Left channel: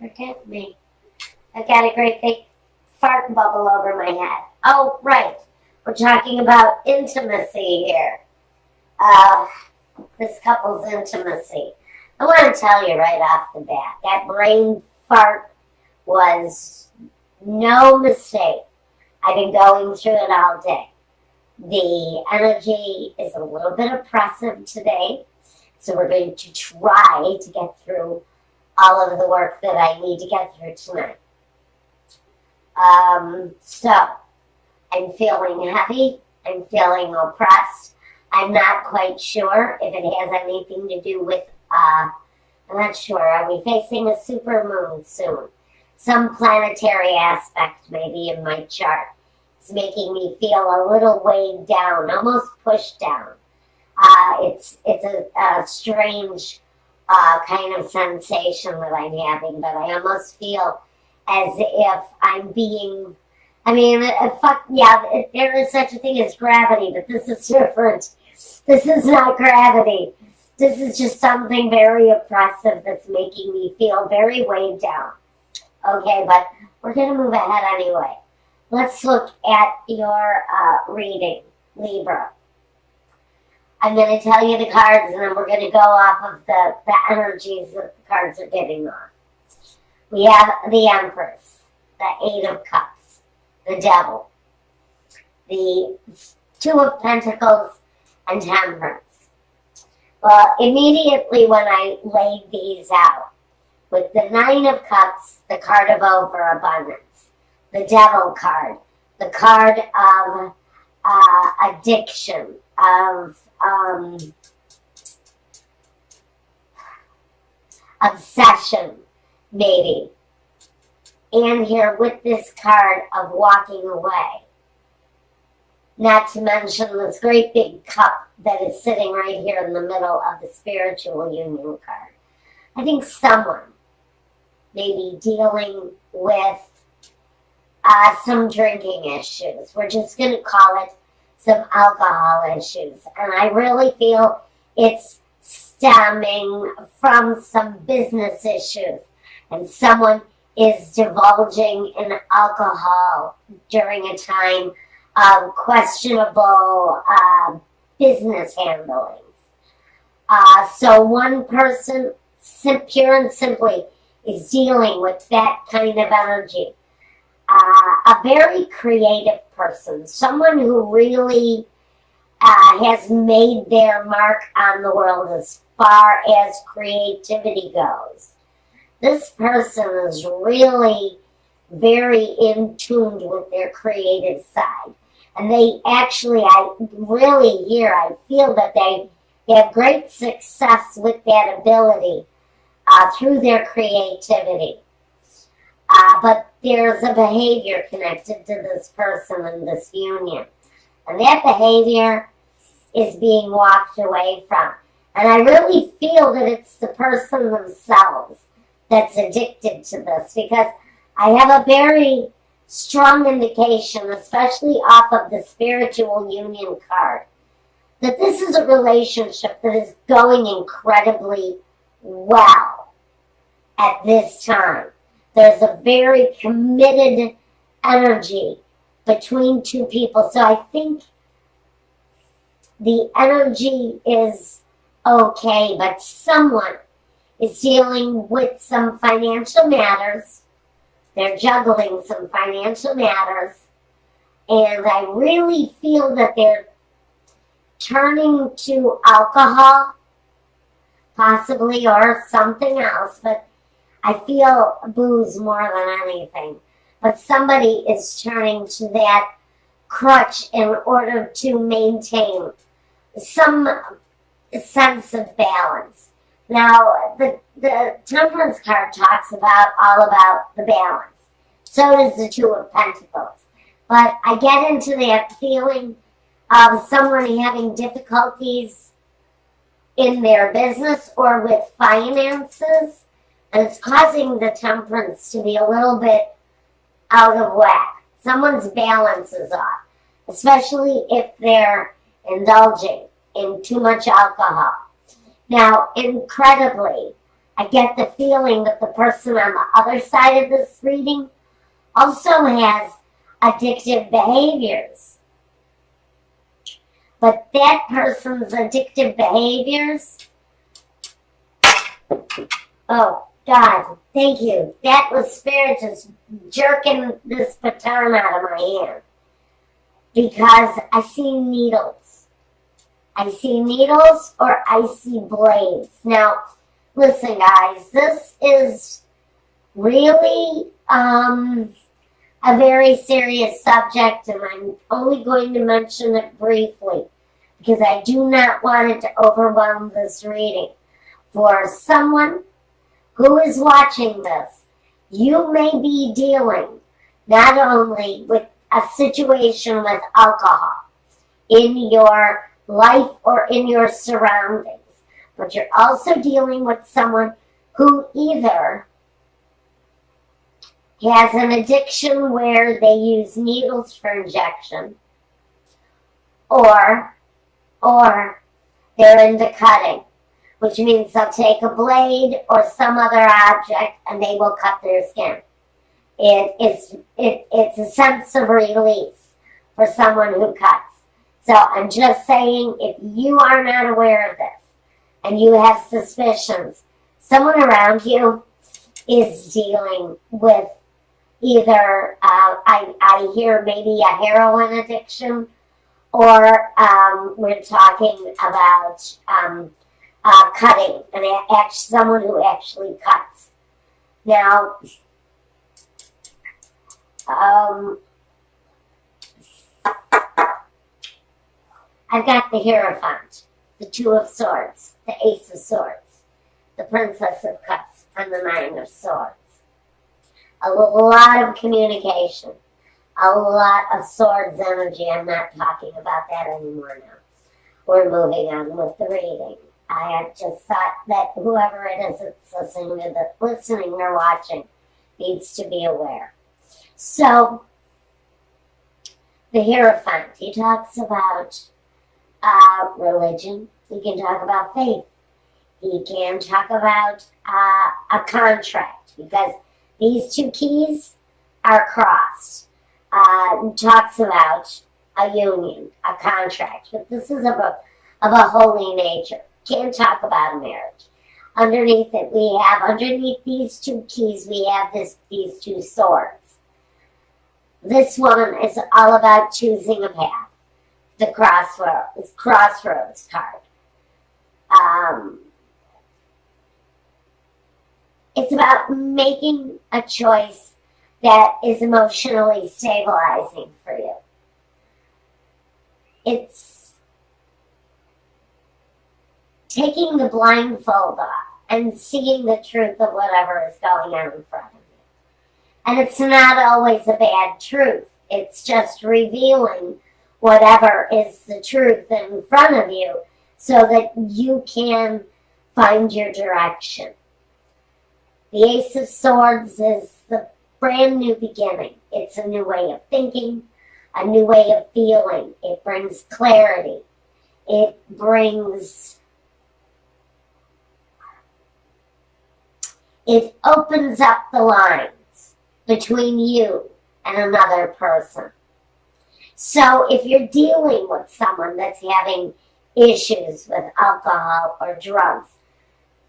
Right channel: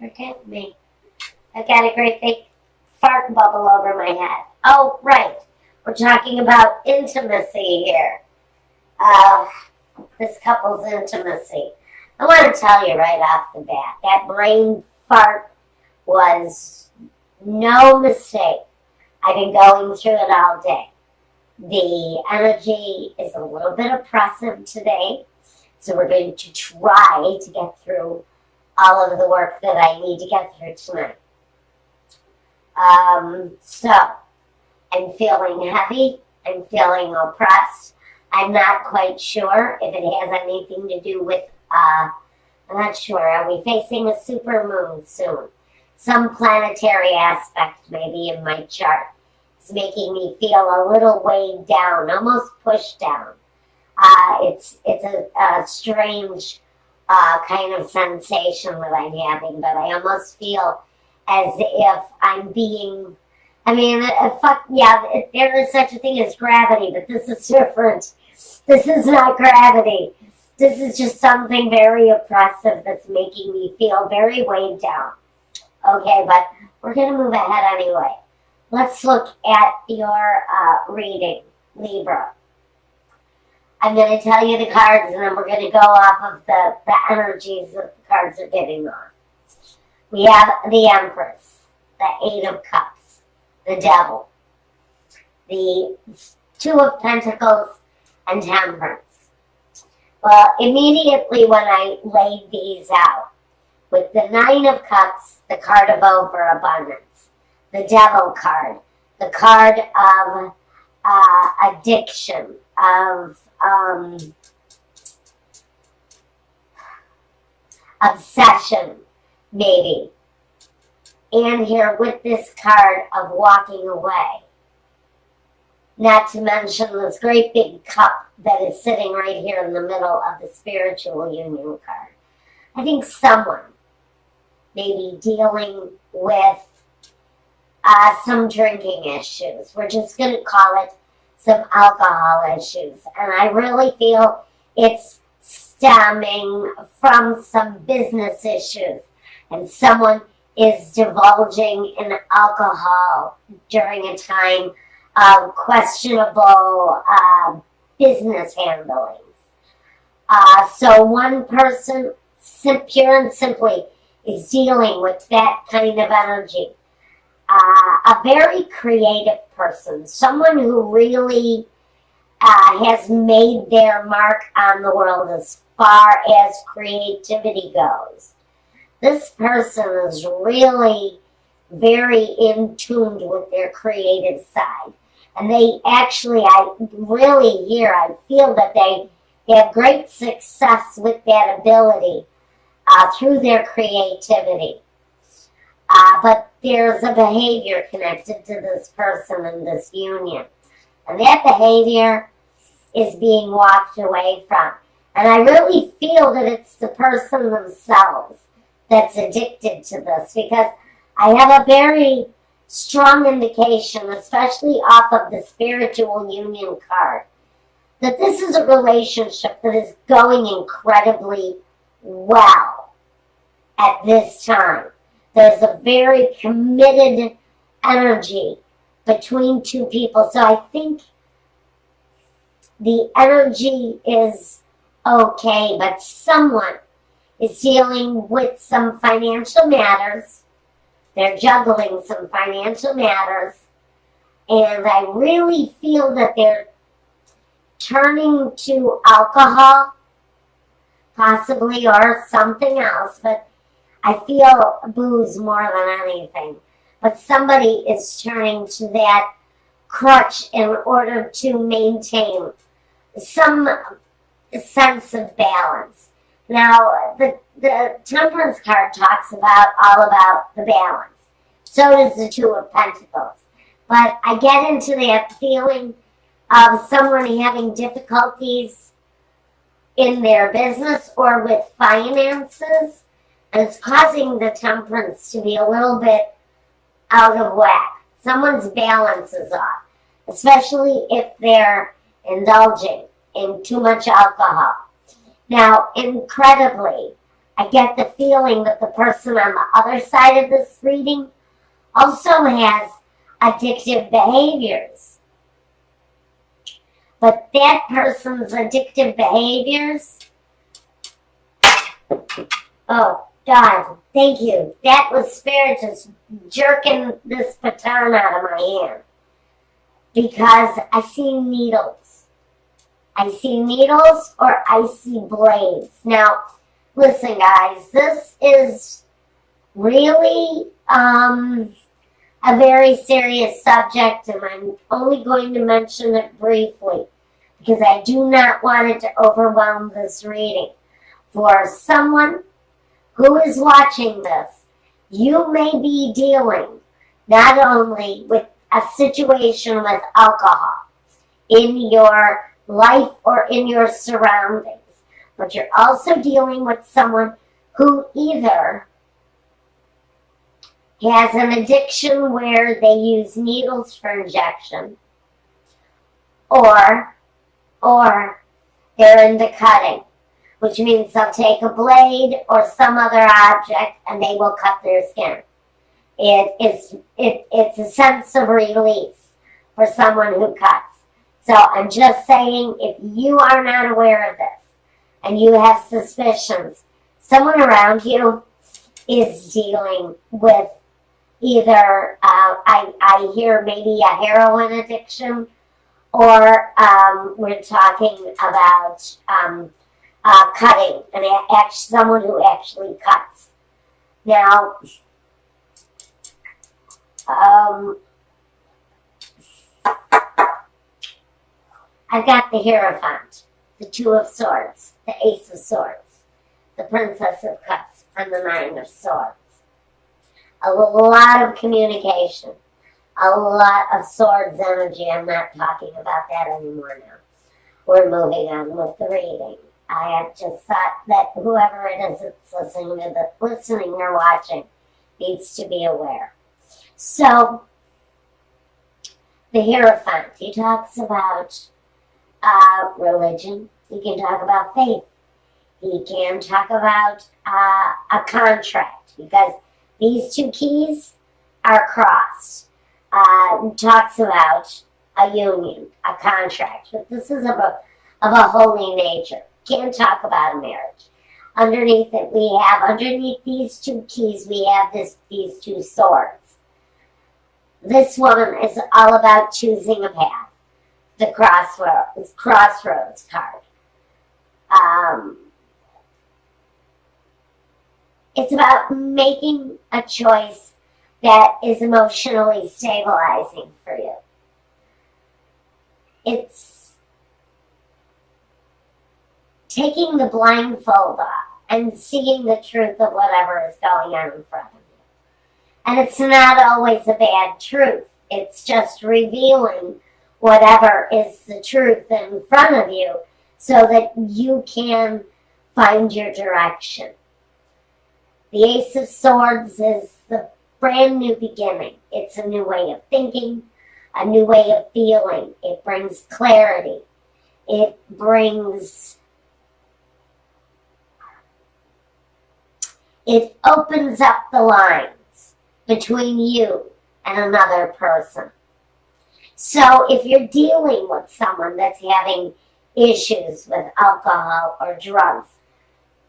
forgive me, I've got a great big fart bubble over my head. Oh, right. We're talking about intimacy here. This couple's intimacy. I want to tell you right off the bat, that brain fart was no mistake. I've been going through it all day. The energy is a little bit oppressive today, so we're going to try to get through all of the work that I need to get through tonight. So, I'm feeling heavy, I'm feeling oppressed. I'm not quite sure if it has anything to do with, I'm not sure, are we facing a supermoon soon? Some planetary aspect maybe in my chart is making me feel a little weighed down, almost pushed down. It's a strange kind of sensation that I'm having, but I almost feel as if I'm being, there is such a thing as gravity, but this is different. This is not gravity. This is just something very oppressive that's making me feel very weighed down. Okay, but we're going to move ahead anyway. Let's look at your reading, Libra. I'm going to tell you the cards, and then we're going to go off of the energies that the cards are getting off. We have the Empress, the Eight of Cups, the Devil, the Two of Pentacles, and Temperance. Well, immediately when I laid these out, with the Nine of Cups, the card of overabundance, the Devil card, the card of addiction, of obsession, maybe. And here with this card of walking away. Not to mention this great big cup that is sitting right here in the middle of the spiritual union card. I think someone may be dealing with some drinking issues. We're just going to call it some alcohol issues. And I really feel it's stemming from some business issues. And someone is divulging in alcohol during a time of questionable business handlings. So one person, pure and simply, is dealing with that kind of energy. A very creative person, someone who really has made their mark on the world as far as creativity goes. This person is really very in tune with their creative side. And they actually, I feel that they have great success with that ability through their creativity. But there's a behavior connected to this person in this union. And that behavior is being walked away from. And I really feel that it's the person themselves that's addicted to this, because I have a very strong indication, especially off of the spiritual union card, that this is a relationship that is going incredibly well at this time. There's a very committed energy between two people. So I think the energy is okay, but someone is dealing with some financial matters. They're juggling some financial matters. And I really feel that they're turning to alcohol, possibly, or something else. But I feel booze more than anything. But somebody is turning to that crutch in order to maintain some sense of balance. Now, the Temperance card talks all about the balance. So does the Two of Pentacles. But I get into that feeling of someone having difficulties in their business or with finances, and it's causing the Temperance to be a little bit out of whack. Someone's balance is off, especially if they're indulging in too much alcohol. Now, incredibly, I get the feeling that the person on the other side of this reading also has addictive behaviors. But that person's addictive behaviors, oh God, thank you. That was Spirit just jerking this baton out of my hand. Because I see needles. I see needles or I see blades. Now, listen guys, this is really a very serious subject, and I'm only going to mention it briefly because I do not want it to overwhelm this reading. For someone who is watching this, you may be dealing not only with a situation with alcohol in your life or in your surroundings, but you're also dealing with someone who either has an addiction where they use needles for injection, or they're into cutting, which means they'll take a blade or some other object and they will cut their skin. It's a sense of release for someone who cuts. So I'm just saying, if you are not aware of this and you have suspicions, someone around you is dealing with either, I hear maybe a heroin addiction, or we're talking about cutting, and someone who actually cuts. Now, I've got the Hierophant, the Two of Swords, the Ace of Swords, the Princess of Cups, and the Nine of Swords. A lot of communication, a lot of swords energy. I'm not talking about that anymore now. We're moving on with the reading. I just thought that whoever it is that's listening or watching needs to be aware. So, the Hierophant, he talks about religion. He can talk about faith. He can talk about a contract, because these two keys are crossed. Talks about a union, a contract, but this is of a holy nature. Can't talk about a marriage. Underneath these two keys, we have these two swords. This one is all about choosing a path. The crossroads card. It's about making a choice that is emotionally stabilizing for you. It's taking the blindfold off and seeing the truth of whatever is going on in front of you. And it's not always a bad truth. It's just revealing whatever is the truth in front of you so that you can find your direction. The Ace of Swords is the brand new beginning. It's a new way of thinking, a new way of feeling. It brings clarity. It opens up the lines between you and another person. So if you're dealing with someone that's having issues with alcohol or drugs,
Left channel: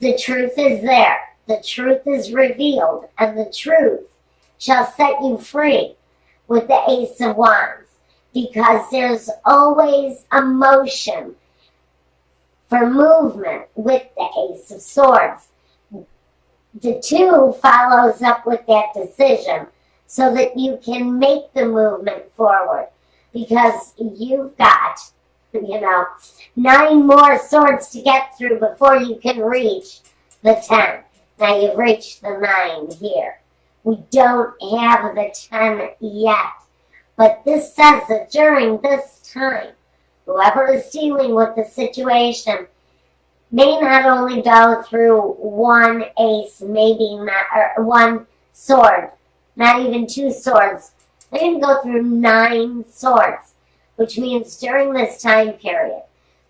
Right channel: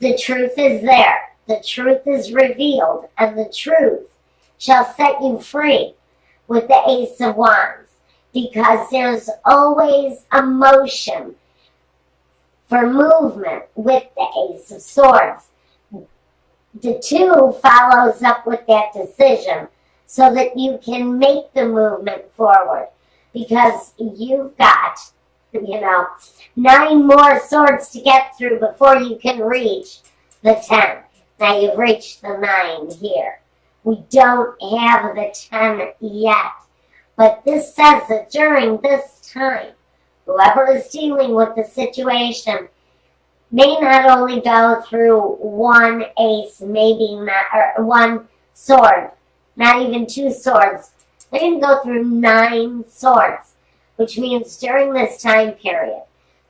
the truth is there. The truth is revealed, and the truth shall set you free with the Ace of Wands, because there's always a motion for movement with the Ace of Swords. The two follows up with that decision so that you can make the movement forward, because you've got, 9 more swords to get through before you can reach the 10. Now you've reached the 9 here. We don't have the 10 yet. But this says that during this time, whoever is dealing with the situation may not only go through one ace, maybe not, or one sword, not even 2 swords. They're going to go through 9 swords, which means during this time period,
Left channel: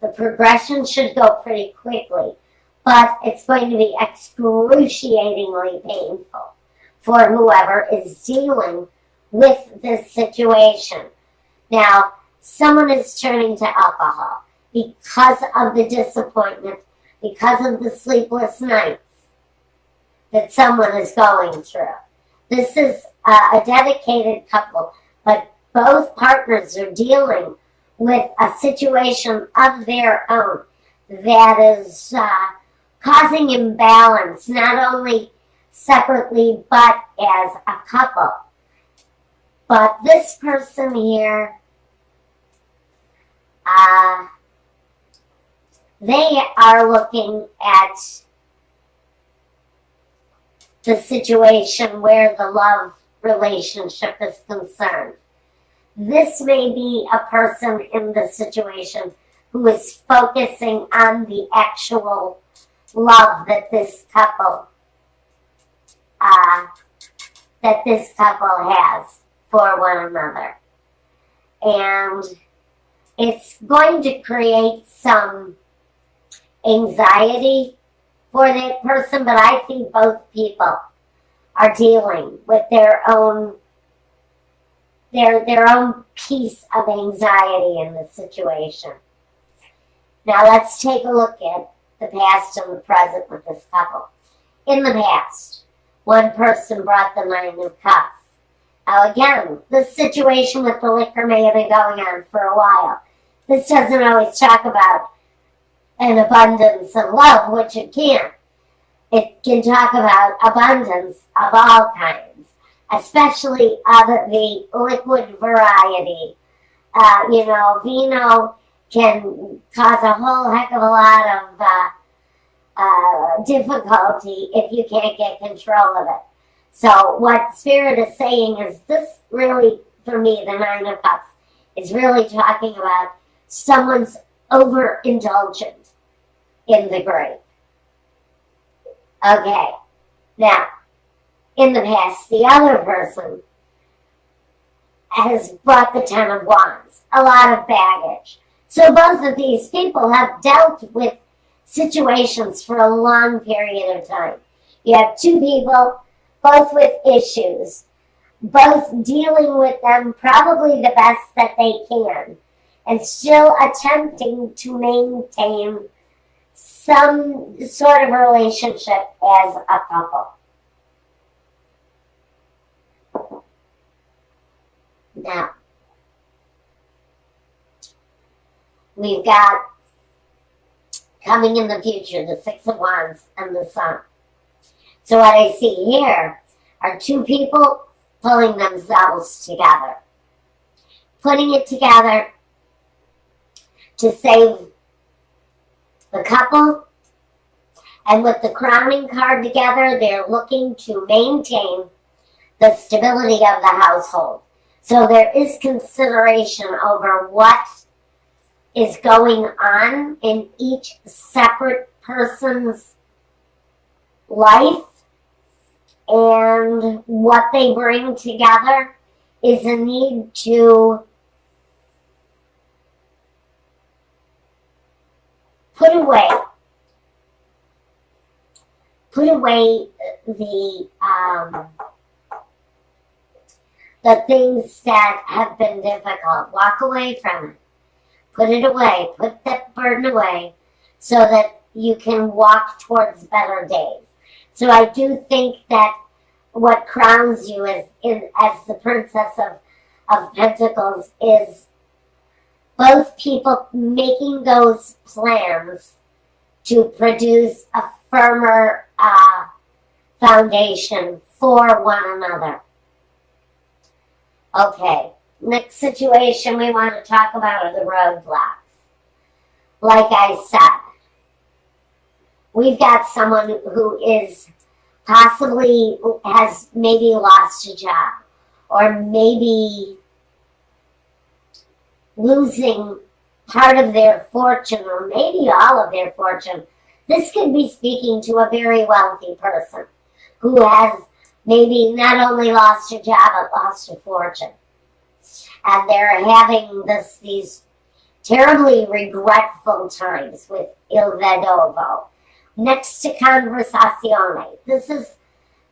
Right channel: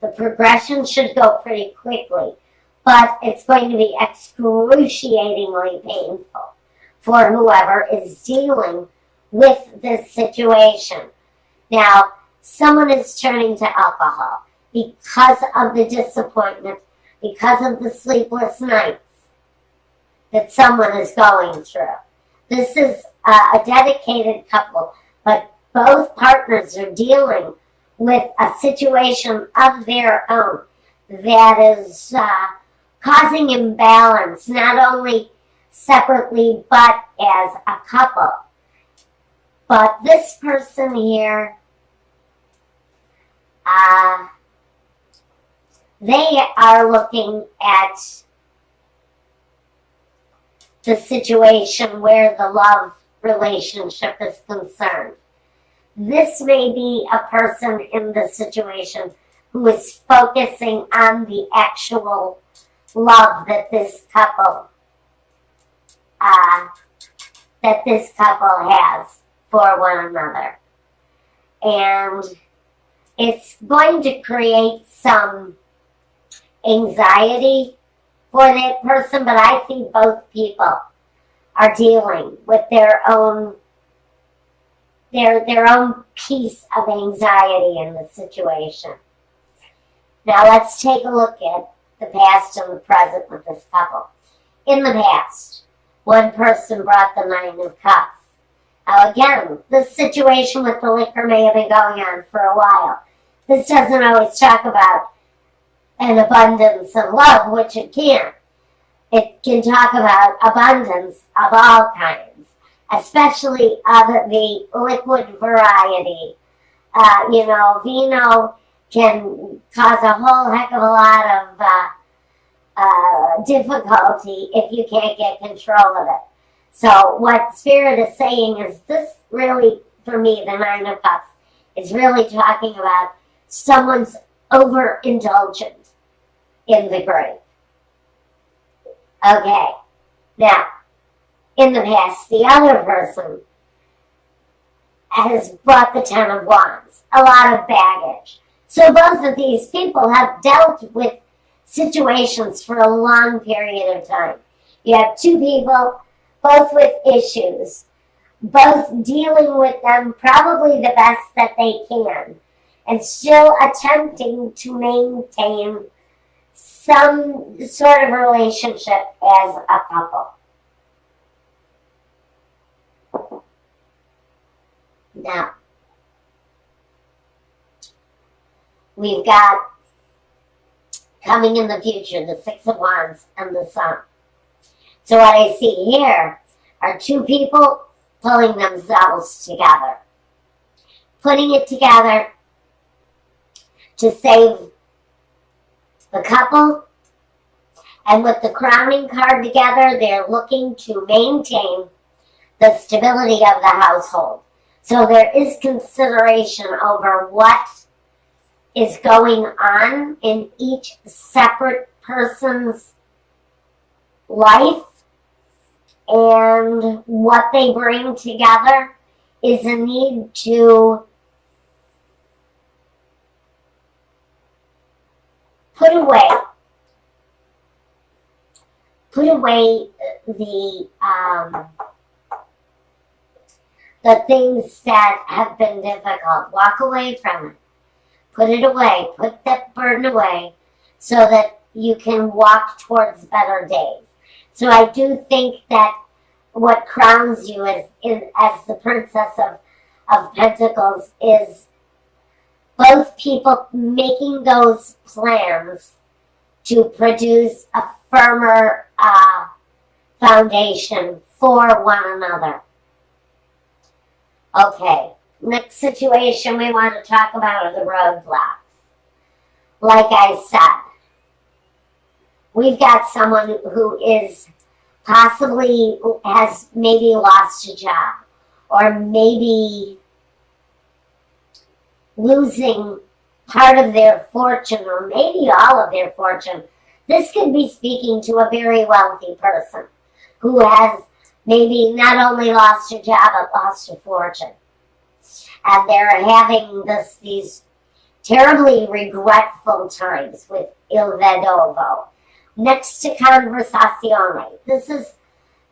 the progression should go pretty quickly. but it's going to be excruciatingly painful for whoever is dealing with this situation. Now, someone is turning to alcohol because of the disappointment, because of the sleepless nights that someone is going through. This is a dedicated couple, but both partners are dealing with a situation of their own that is causing imbalance, not only separately but as a couple. But this person here, they are looking at the situation where the love relationship is concerned. This may be a person in the situation who is focusing on the actual love that this couple has for one another. And it's going to create some anxiety for that person, but I think both people are dealing with their own piece of anxiety in the situation. Now let's take a look at the past and the present with this couple. In the past, one person brought the Nine of Cups. Now again, this situation with the liquor may have been going on for a while. This doesn't always talk about an abundance of love, which it can. It can talk about abundance of all kinds, especially of the liquid variety. Vino can cause a whole heck of a lot of difficulty if you can't get control of it. So what Spirit is saying is this really, for me, the Nine of Cups, is really talking about someone's overindulgent in the grape. Okay, now, in the past, the other person has brought the Ten of Wands, a lot of baggage. So both of these people have dealt with situations for a long period of time. You have two people, both with issues, both dealing with them probably the best that they can, and still attempting to maintain some sort of relationship as a couple. Now, we've got coming in the future the Six of Wands and the Sun. So what I see here are two people pulling themselves together, putting it together to save the couple, and with the crowning card together, they're looking to maintain the stability of the household. So there is consideration over what is going on in each separate person's life, and what they bring together is a need to put away the things that have been difficult. Walk away from it. Put it away. Put that burden away so that you can walk towards better days. So I do think that what crowns you as the Princess of Pentacles is both people making those plans to produce a firmer foundation for one another. Okay, next situation we want to talk about are the roadblocks. Like I said, we've got someone who is possibly has maybe lost a job, or maybe losing part of their fortune, or maybe all of their fortune. This could be speaking to a very wealthy person who has maybe not only lost a job, but lost a fortune. And they're having these terribly regretful times with Il Vedovo, next to conversazione. This is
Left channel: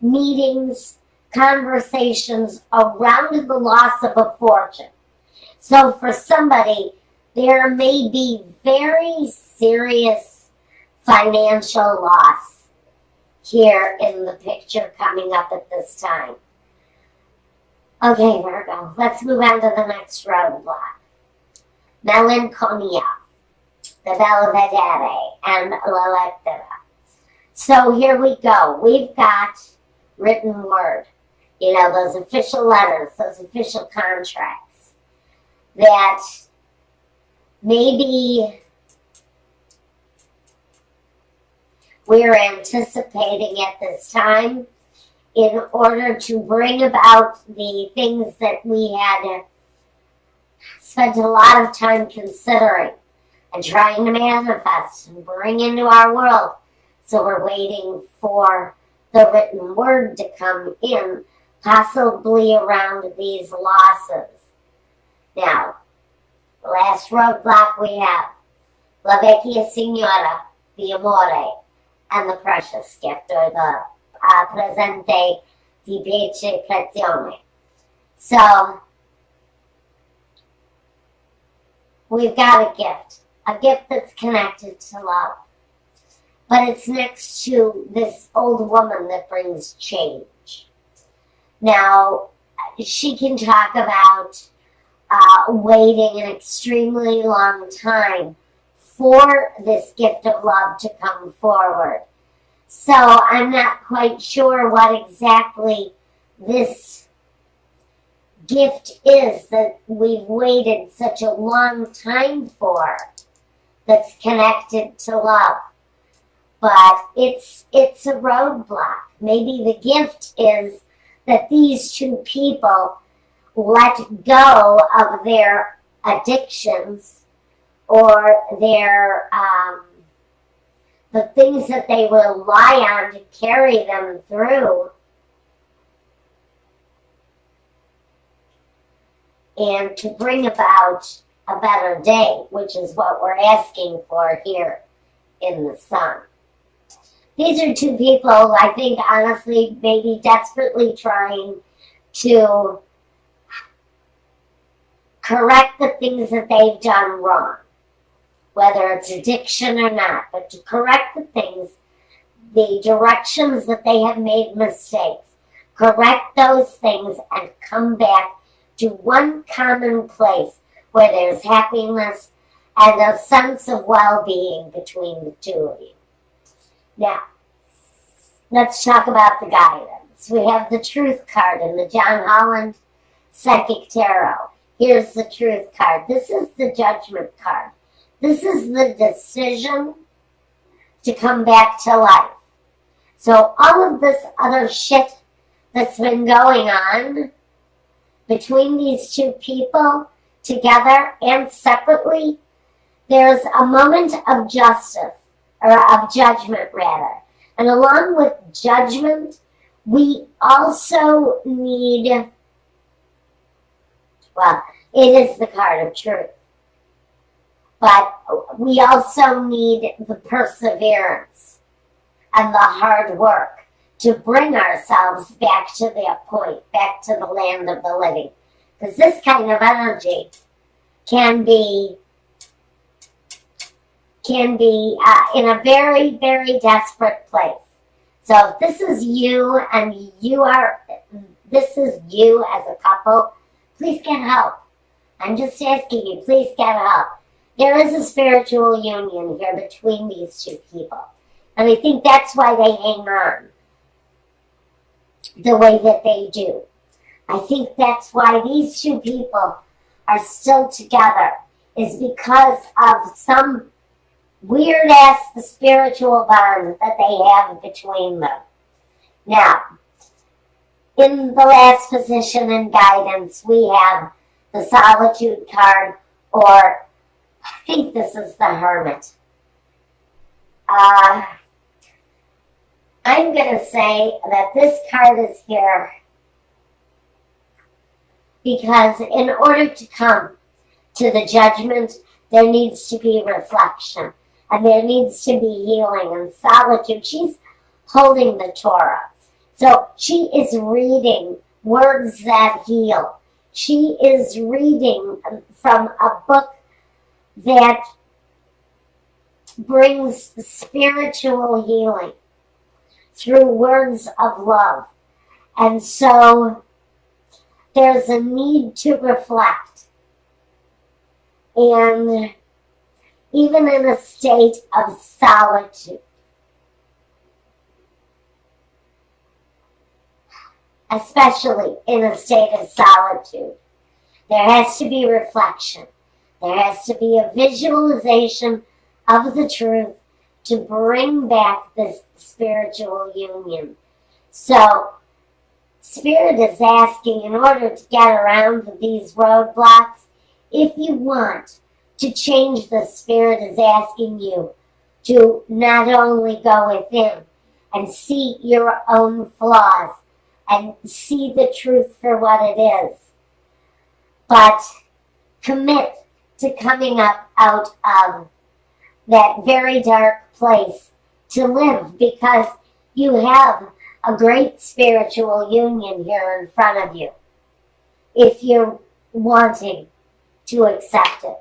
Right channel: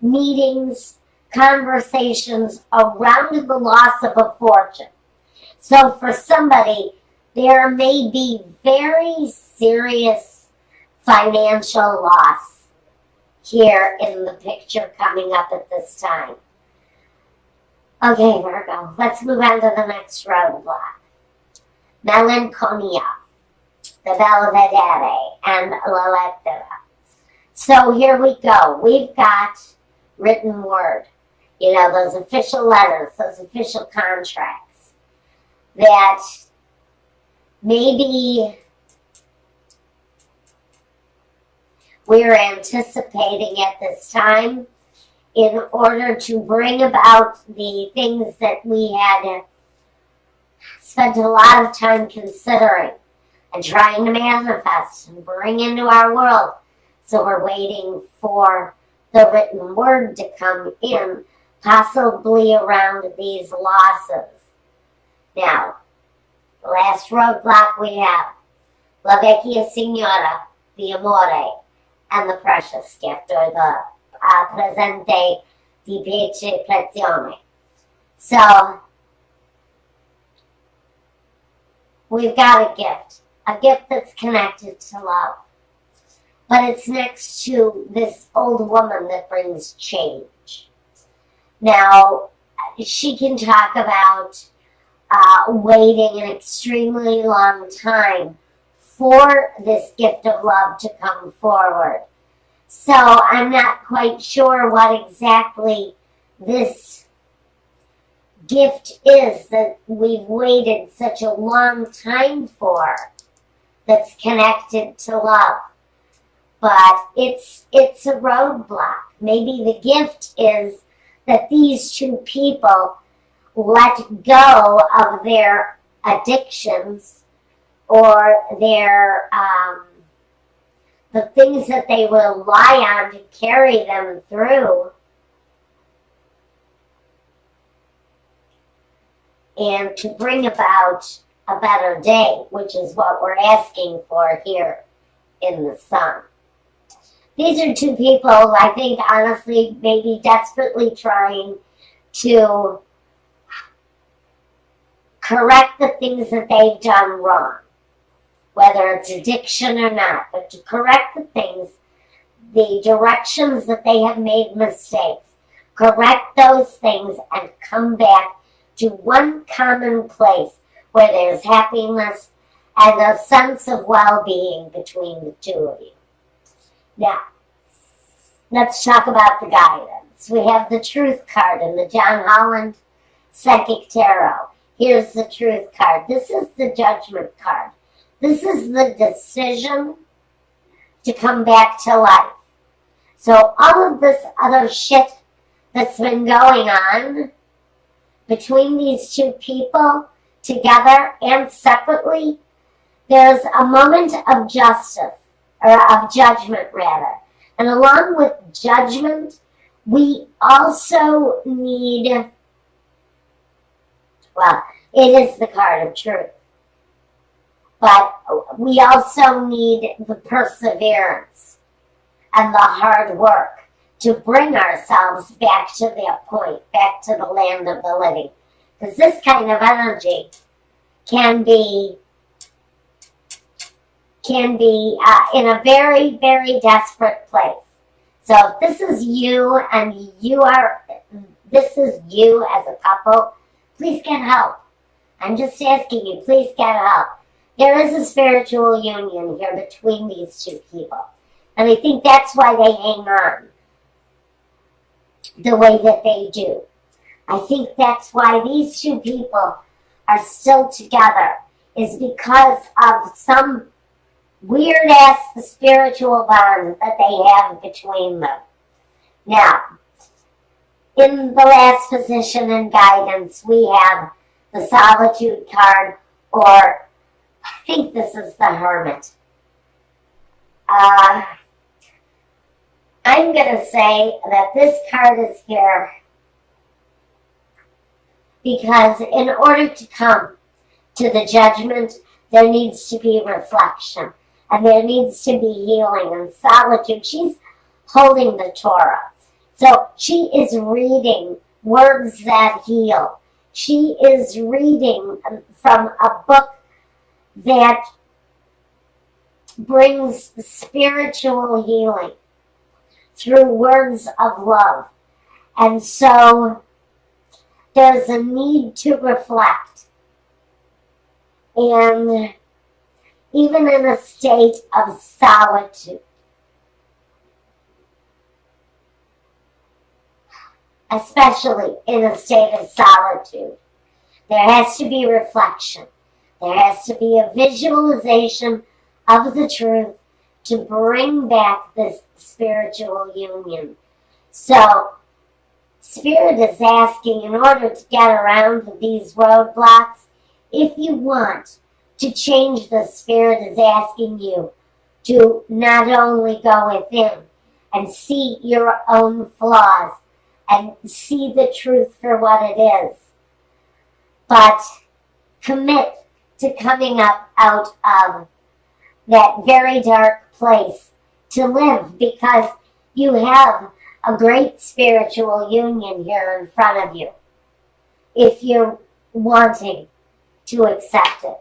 meetings, conversations around the loss of a fortune. So for somebody, there may be very serious financial loss here in the picture coming up at this time. Okay, Virgo, let's move on to the next roadblock. Melancholia, the Belvedere, and La Lettera. So here we go. We've got written word, those official letters, those official contracts that maybe we're anticipating at this time in order to bring about the things that we had spent a lot of time considering and trying to manifest and bring into our world. So we're waiting for the written word to come in, possibly around these losses. Now, the last roadblock we have, La Vecchia Signora, the Amore, and the Precious Gift, or the Presente di Pece Prezione. So, we've got a gift that's connected to love. But it's next to this old woman that brings change. Now, she can talk about waiting an extremely long time for this gift of love to come forward. So I'm not quite sure what exactly this gift is that we've waited such a long time for that's connected to love. But it's a roadblock. Maybe the gift is that these two people let go of their addictions or their the things that they rely on to carry them through, and to bring about a better day, which is what we're asking for here in the sun. These are two people, I think, honestly, maybe desperately trying to correct the things that they've done wrong, whether it's addiction or not, but to correct the things, the directions that they have made mistakes, correct those things and come back to one common place where there's happiness and a sense of well-being between the two of you. Now, let's talk about the guidance. We have the Truth card in the John Holland Psychic Tarot. Here's the Truth card. This is the Judgment card. This is the decision to come back to life. So all of this other shit that's been going on between these two people, together and separately, there's a moment of justice, or of judgment rather. And along with judgment, we also need, well, it is the card of truth. But we also need the perseverance and the hard work to bring ourselves back to that point, back to the land of the living. Because this kind of energy can be in a very, very desperate place. So if this is you and this is you as a couple, please get help. I'm just asking you, please get help. There is a spiritual union here between these two people. And I think that's why they hang on the way that they do. I think that's why these two people are still together, is because of some weird-ass spiritual bond that they have between them. Now, in the last position in guidance, we have the Solitude card, or I think this is the Hermit. I'm going to say that this card is here because in order to come to the judgment, there needs to be reflection. and there needs to be healing and solitude. She's holding the Torah. So she is reading words that heal. She is reading from a book that brings spiritual healing through words of love. And so there's a need to reflect. And even in a state of solitude, especially in a state of solitude, there has to be reflection. There has to be a visualization of the truth to bring back this spiritual union. So, Spirit is asking, in order to get around these roadblocks, if you want to change, the Spirit is asking you to not only go within and see your own flaws and see the truth for what it is, but commit to coming up out of that very dark place to live, because you have a great spiritual union here in front of you if you're wanting to accept it.